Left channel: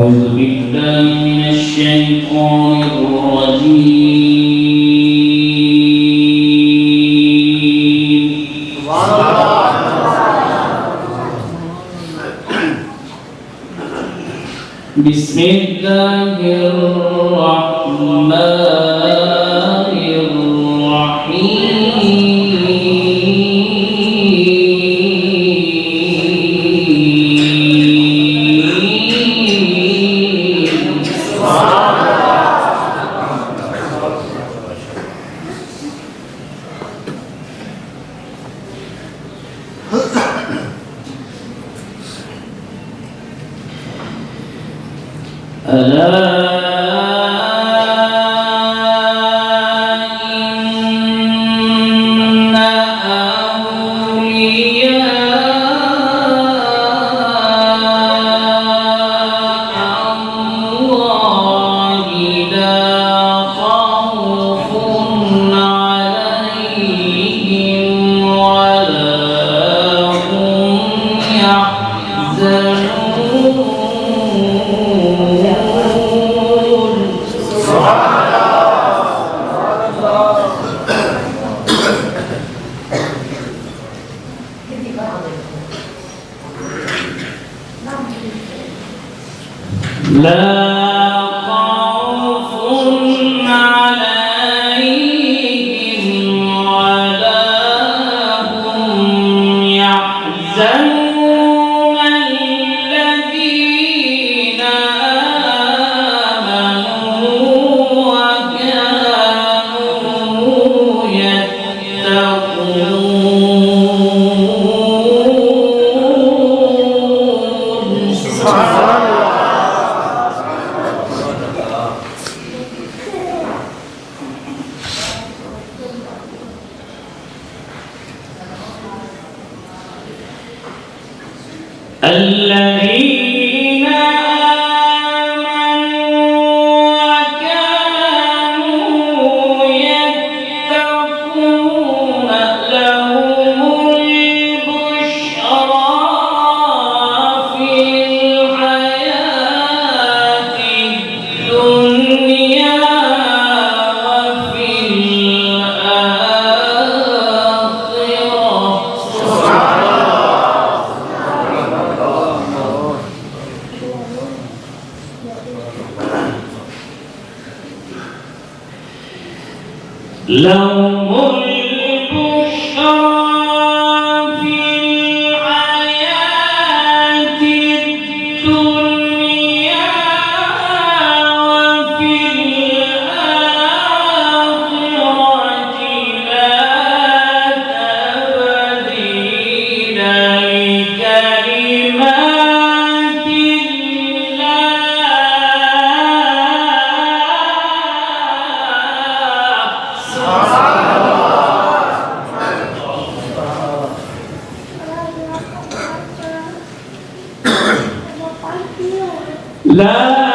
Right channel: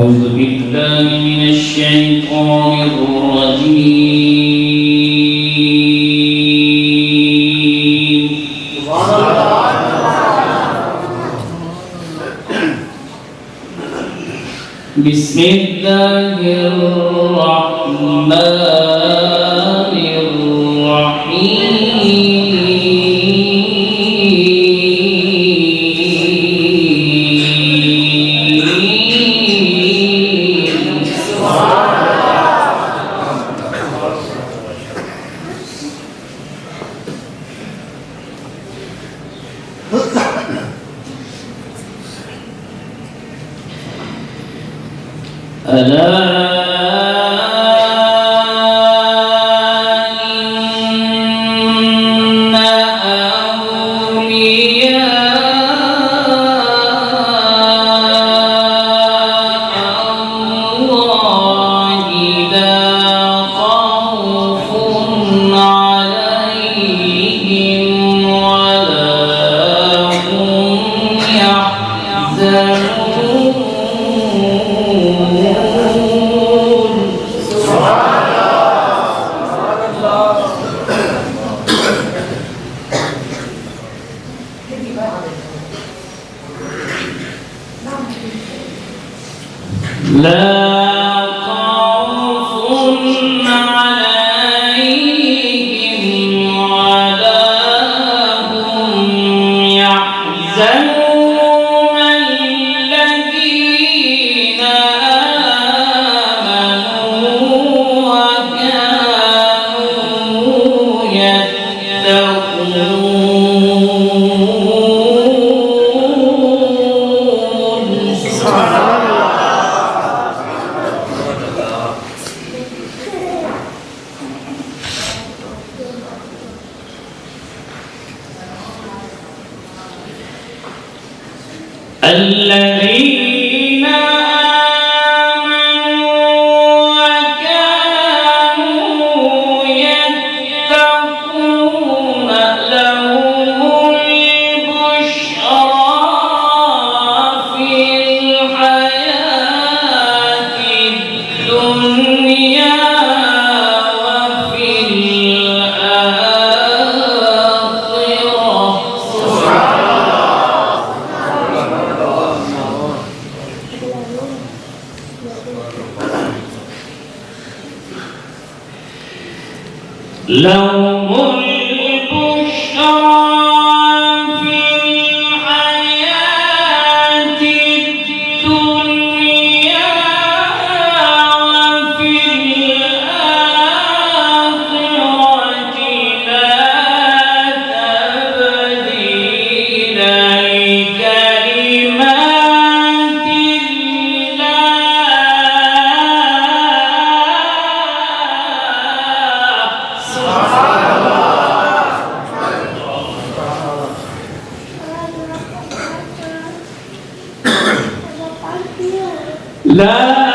أعوذ بالله من الشيطان الرجيم. بسم الله الرحمن الرحيم. ألا إن أولياء الله لا خوف عليهم ولا هم يحزنون. لا خوف عليهم ولا هم يحزنون الذين آمنوا وكانوا يتقون. الذين آمنوا وكانوا يتقون لهم البشرى في الحياة الدنيا وفي لهم البشرى في الحياة الدنيا وفي الآخرة لا تبديل لكلمات الله. لا